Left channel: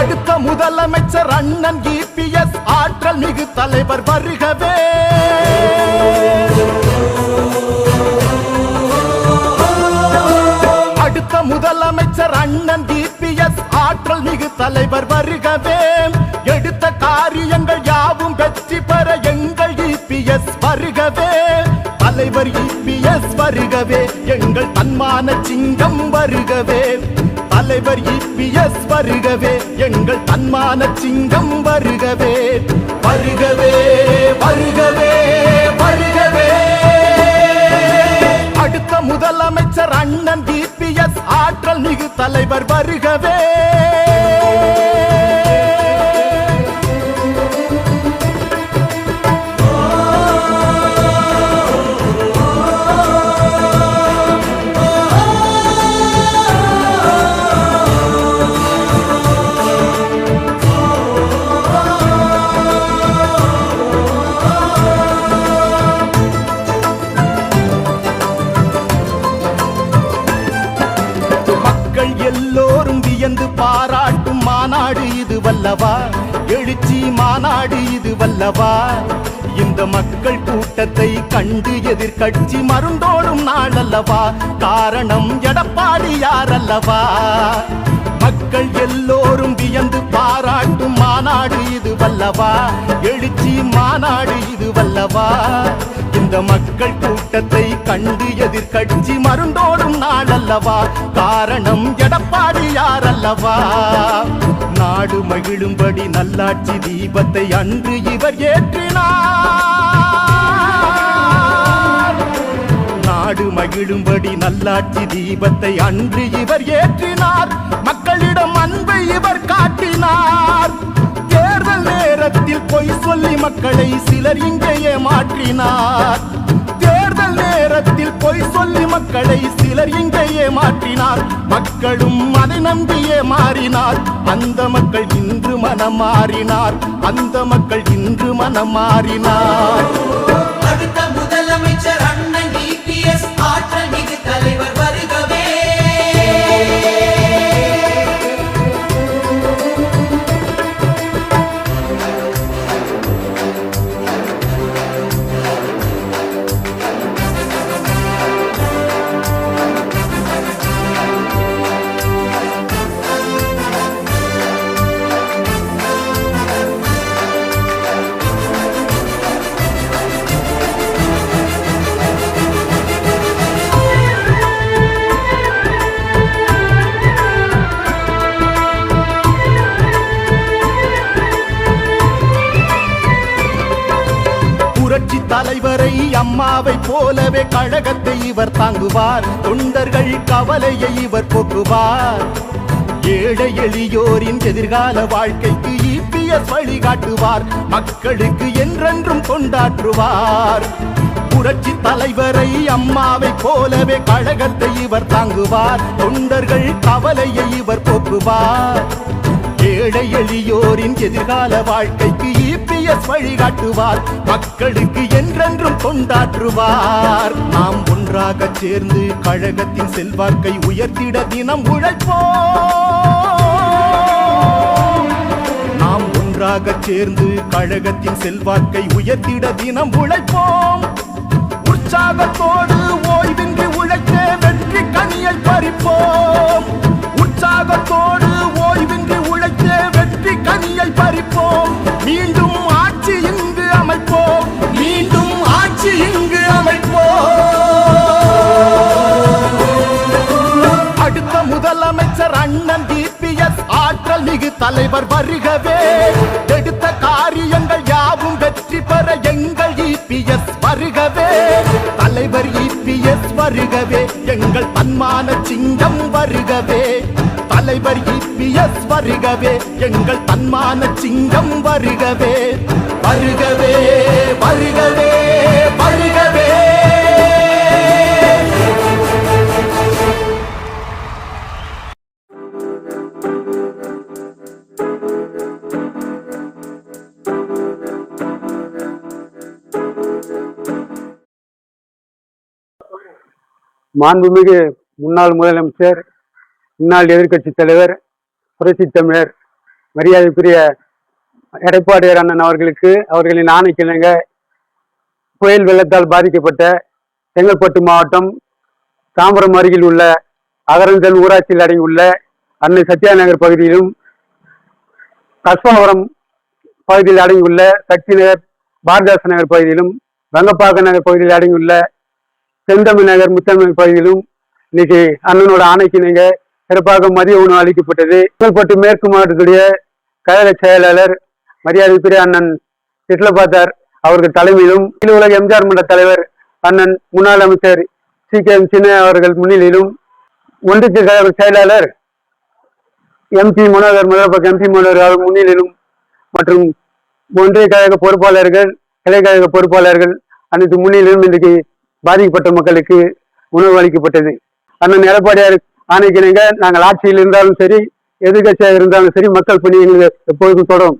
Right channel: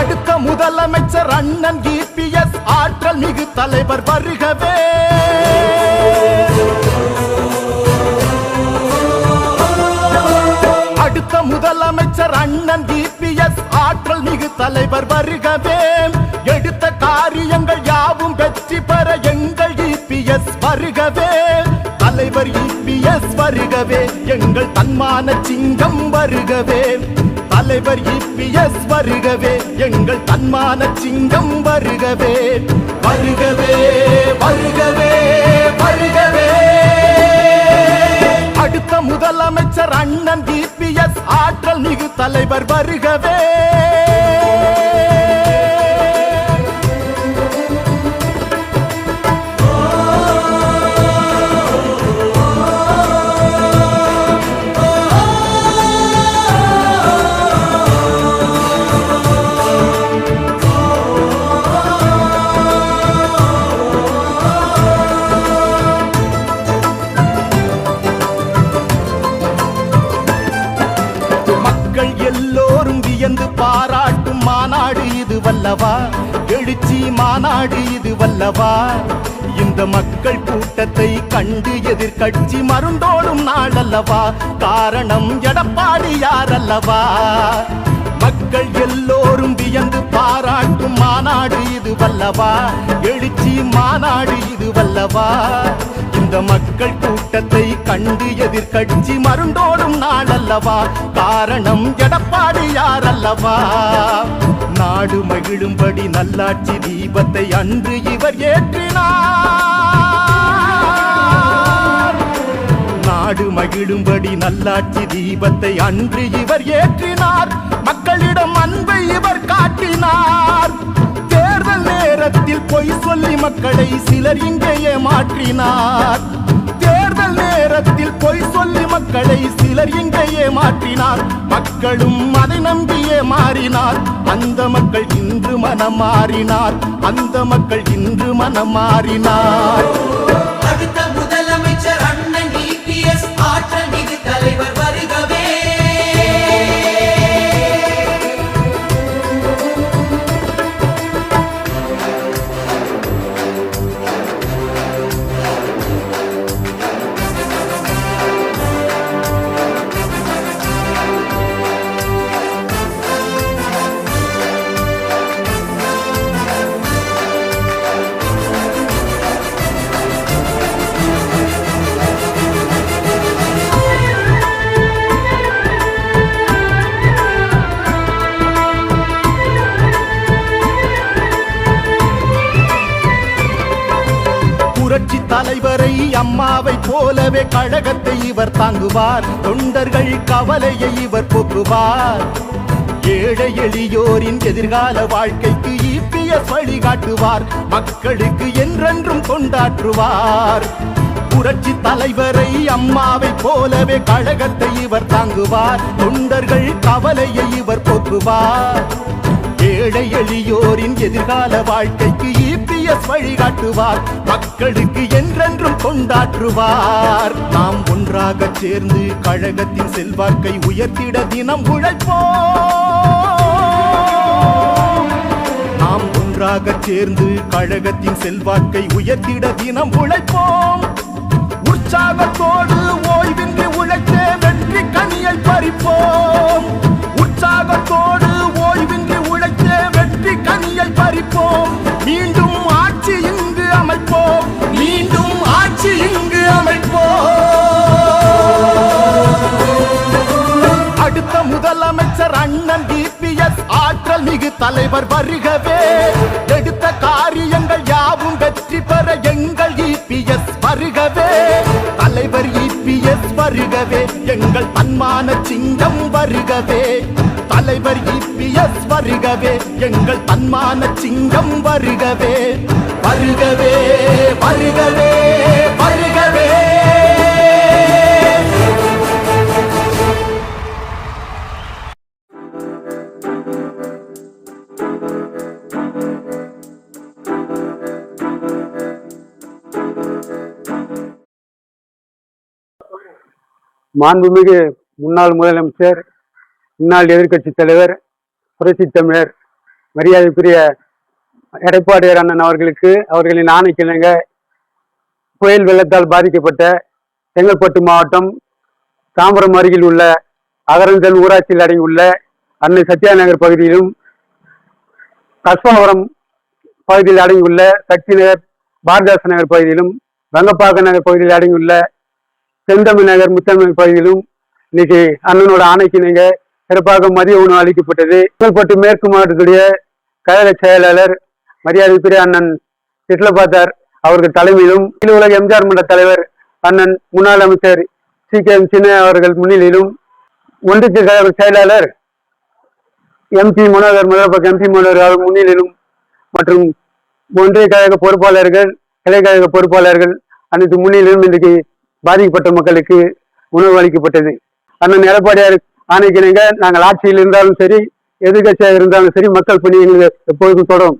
அடுத்த முதலமைச்சர் அண்ணன் இபிஎஸ் ஆற்றல் மிகு தலைவர் வருகவே. அடுத்த முதலமைச்சர் அண்ணன் இபிஎஸ் ஆற்றல் மிகு தலைவர் வருகவே. எடுத்த காரியங்கள் யாவும் வெற்றி பெற எங்கள் இபிஎஸ் வருகவே. தலைவர் இபிஎஸ் வருகவே, எங்கள் தன்மான சிங்கம் வருகவே. தலைவர் இபிஎஸ் வருகவே, எங்கள் தன்மான சிங்கம் வருகவே. வருகவே வருகவே வருகவே. அடுத்த முதலமைச்சர் அண்ணன் இபிஎஸ் ஆற்றல் மிகு தலைவர் வருகவே. மக்கள் எல்லோரும் வியந்து பாராட்டும் மாநாடு இது வல்லவா. எழுச்சி மாநாடு இது வல்லவா. இந்த மக்கள் கூட்டத்தை கண்டு எதிர்கட்சி மருண்டோடும் நாள் அல்லவா. காரணம் எடப்பாடியார் அல்லவா. மக்கள் எல்லோரும் வியந்து பாராட்டும் மாநாடு இது வல்லவா. எழுச்சி மாநாடு இது வல்லவா. இந்த மக்கள் கூட்டத்தை கண்டு எதிர்கட்சி மருண்டோடும் நாள் அல்லவா. காரணம் எடப்பாடியார் அல்லவா. நாடு மகிழும்படி நல்லாட்சி தீபத்தை அன்று இவர் ஏற்றினார். நாடு மகிழும்படி நல்லாட்சி தீபத்தை அன்று இவர் ஏற்றினார். மக்களிடம் அன்பை இவர் காட்டினார். தேர்தல் நேரத்தில் பொய் சொல்லி மக்களை சிலர் இங்கே ஏமாற்றினார். தேர்தல் நேரத்தில் பொய் சொல்லி மக்களை சிலர் இங்கே ஏமாற்றினார். மக்களும் அதை நம்பியே மாறினார். அந்த மக்கள் இன்று மனம் மாறினார். அந்த மக்கள் இன்று மனம் மாறினார். புரட்சி தலைவரை அம்மாவை போலவே கழகத்தை இவர் தாங்குவார். தொண்டர்கள் கவலையை இவர் போக்குவார். ஏழை எளியோரின் எதிர்கால வாழ்க்கைக்கு இபிஎஸ் வழிகாட்டுவார். மக்களுக்கு என்றென்றும் தொண்டாற்றுவார். புரட்சி தலைவரை அம்மாவை போலவே கழகத்தை இவர் தாங்குவார். தொண்டர்கள் கவலையை இவர் போக்குவார். ஏழை எளியோரின் எதிர்கால வாழ்க்கைக்கு இபிஎஸ் வழிகாட்டுவார். மக்களுக்கு என்றென்றும் தொண்டாற்றுவார். நாம் ஒன்றாக சேர்ந்து கழகத்தின் செல்வாக்கை உயர்த்திட தினம் உழைப்போம். நாம் ஒன்றாக சேர்ந்து கழகத்தின் செல்வாக்கை உயர்த்திட தினம் உழைப்போம். உற்சாகத்தோடு ஓய்வின்றி உழைத்தே வெற்றி கனியை பறிப்போம். உற்சாகத்தோடு ஓய்வின்றி உழைத்தே வெற்றி கனியை பறிப்போம். மீண்டும் ஆட்சி இங்கு அமைப்போம். மீண்டும் ஆட்சி இங்கு அமைப்போம். அடுத்த முதலமைச்சர் அண்ணன் இபிஎஸ் ஆற்றல் மிகு தலைவர் வருகவே. எடுத்த காரியங்கள் யாவும் வெற்றி பெற எங்கள் இபிஎஸ் வருகவே. தலைவர் இபிஎஸ் வருகவே, எங்கள் தன்மான சிங்கம் வருகவே. தலைவர் இபிஎஸ் வருகவே, எங்கள் தன்மான சிங்கம் வருகவே. வருகவே வருகவே வருகவே. மாண்புமிகு முன்னாள் முதலமைச்சர், முன்னாள் எதிர்கட்சி தலைவர், புரட்சி தமிழர் மரியாதைக்குரிய எடப்பாடியார் அண்ணன் அவர்களுக்கு அவர்களின் ஆணைக்கிணங்க புயல் வெள்ளத்தால் பாதிக்கப்பட்ட செங்கல்பட்டு மாவட்டம் தாம்பரம் அருகில் உள்ள அகரஞ்சல் ஊராட்சியில் அடங்கியுள்ள அன்னை சத்யா நகர் பகுதியிலும் கஸ்பாபுரம் பகுதியில் அடங்கியுள்ள சக்தி நகர் பாரதாச நகர் பகுதியிலும் வங்கப்பாக்க நகர் பகுதியில் அடங்கியுள்ள செந்தமிழ் நகர் முத்தமிழ் பகுதியிலும் இன்னைக்கு அண்ணனோட ஆணைக்கிணங்க சிறப்பாக மதிய உணவு அளிக்கப்பட்டது. செங்கல்பட்டு மேற்கு மாவட்டத்துடைய கழக செயலாளர் மரியாதைக்குரிய அண்ணன் சிட்லபாத்தார் அவர்கள் தலைமையிலும் அகில உலக எம்ஜிஆர் மன்ற தலைவர் அண்ணன் முன்னாள் அமைச்சர் CKM சின்ன அவர்கள் முன்னிலையிலும் ஒன்றிய கழக செயலாளர் MP மனோகர் முதலப்பக்க MP மனோகர் அவர் முன்னிலையிலும் மற்றும் ஒன்றிய கழக பொறுப்பாளர்கள் கிளை கழக பொறுப்பாளர்கள் அனைத்து முன்னிலையிலும் இன்றைக்கு பாதிக்கப்பட்ட மக்களுக்கு உணவு அளிக்கப்பட்டது. அண்ணன் எடப்பாடியார் ஆணைக்கிணங்க நாங்கள் ஆட்சியில் இருந்தாலும் சரி எதிர்கட்சியாக இருந்தாலும் சரி மக்கள் பணி எங்களுக்கு எப்பொழுதும் தொடரும்.